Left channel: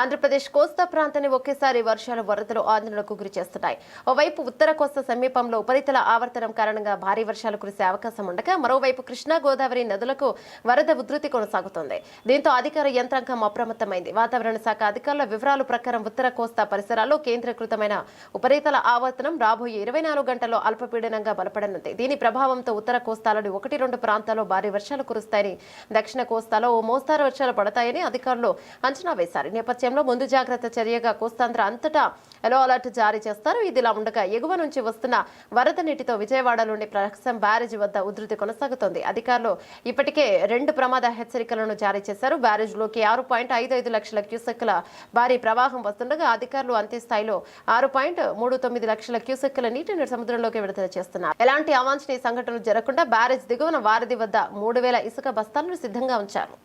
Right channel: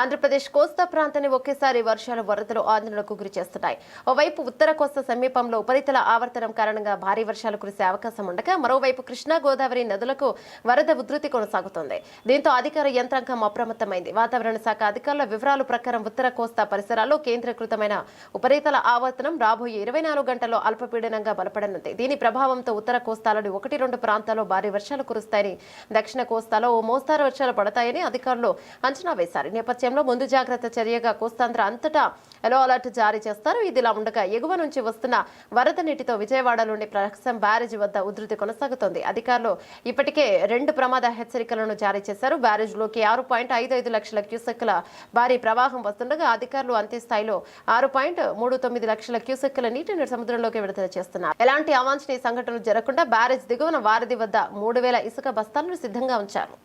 ఆంధ్రప్రదేశ్ కోస్తా ప్రాంతాన్ని ఒకేసారి వర్షాలు వరదలు ఆందోళనకు గురి చేస్తున్నాయి. ఓవైపు ఉత్తర కోస్తా సమీపంలో ఉపరితల ఆవర్తనం కారణంగా భారీ వర్షాలు కురిసే అవకాశం ఉండగా మరోవైపు కృష్ణా గోదావరి నదులకు వరద ఉధృతి కొనసాగుతోంది. దీంతో అధికార యంత్రాంగం అప్రమత్తమైంది. వాతావరణ శాఖ అధికారుల వివరాల ప్రకారం ఉత్తర కోస్తా పరిసరాల్లో కేంద్రీకృతమైన ఉపరితల ఆవర్తనం రాబోయే 24 గంటల్లో అల్పపీడనంగా బలపడనుంది. దీని ప్రభావంతో ఉత్తర కోస్తాలోని 1-2 ప్రాంతాల్లో భారీ వర్షాలు కురుస్తాయని, దక్షిణ కోస్తాలో ఓ మోస్తారు వర్షాలు పడతాయని అధికారులు అంచనా వేశారు. నేపథ్యంలో ముందు జాగ్రత్త చర్యగా కోస్తాంధ్ర అంతటా ఎల్లో అలర్ట్ జారీ చేస్తారు. ఇదిలా ఉండగా ఎగువ నుంచి వస్తున్న వరద నీటితో విజయవాడలోని ప్రకాశం బ్యారేజ్ వద్ద ఉధృతి కొనసాగుతోంది. అధికారులు ఇప్పటికే 2 ప్రమాద హెచ్చరికలను జారీ చేశారు. బ్యారేజ్లోకి 6.55 లక్షల క్యూసెక్కుల భారీ ప్రవాహం వస్తుండగా అధికారులు అంతే స్థాయిలో 6.39 లక్షల క్యూసెక్కుల నీటిని సముద్రంలోకి విడుదల చేస్తున్నారు. ఎలాంటి అవాంఛనీయ సంఘటనలు జరగకుండా బ్యారేజ్ దిగువన వారధి వద్ద 3000 ఇసుక బస్తాలను సిద్ధంగా ఉంచారు.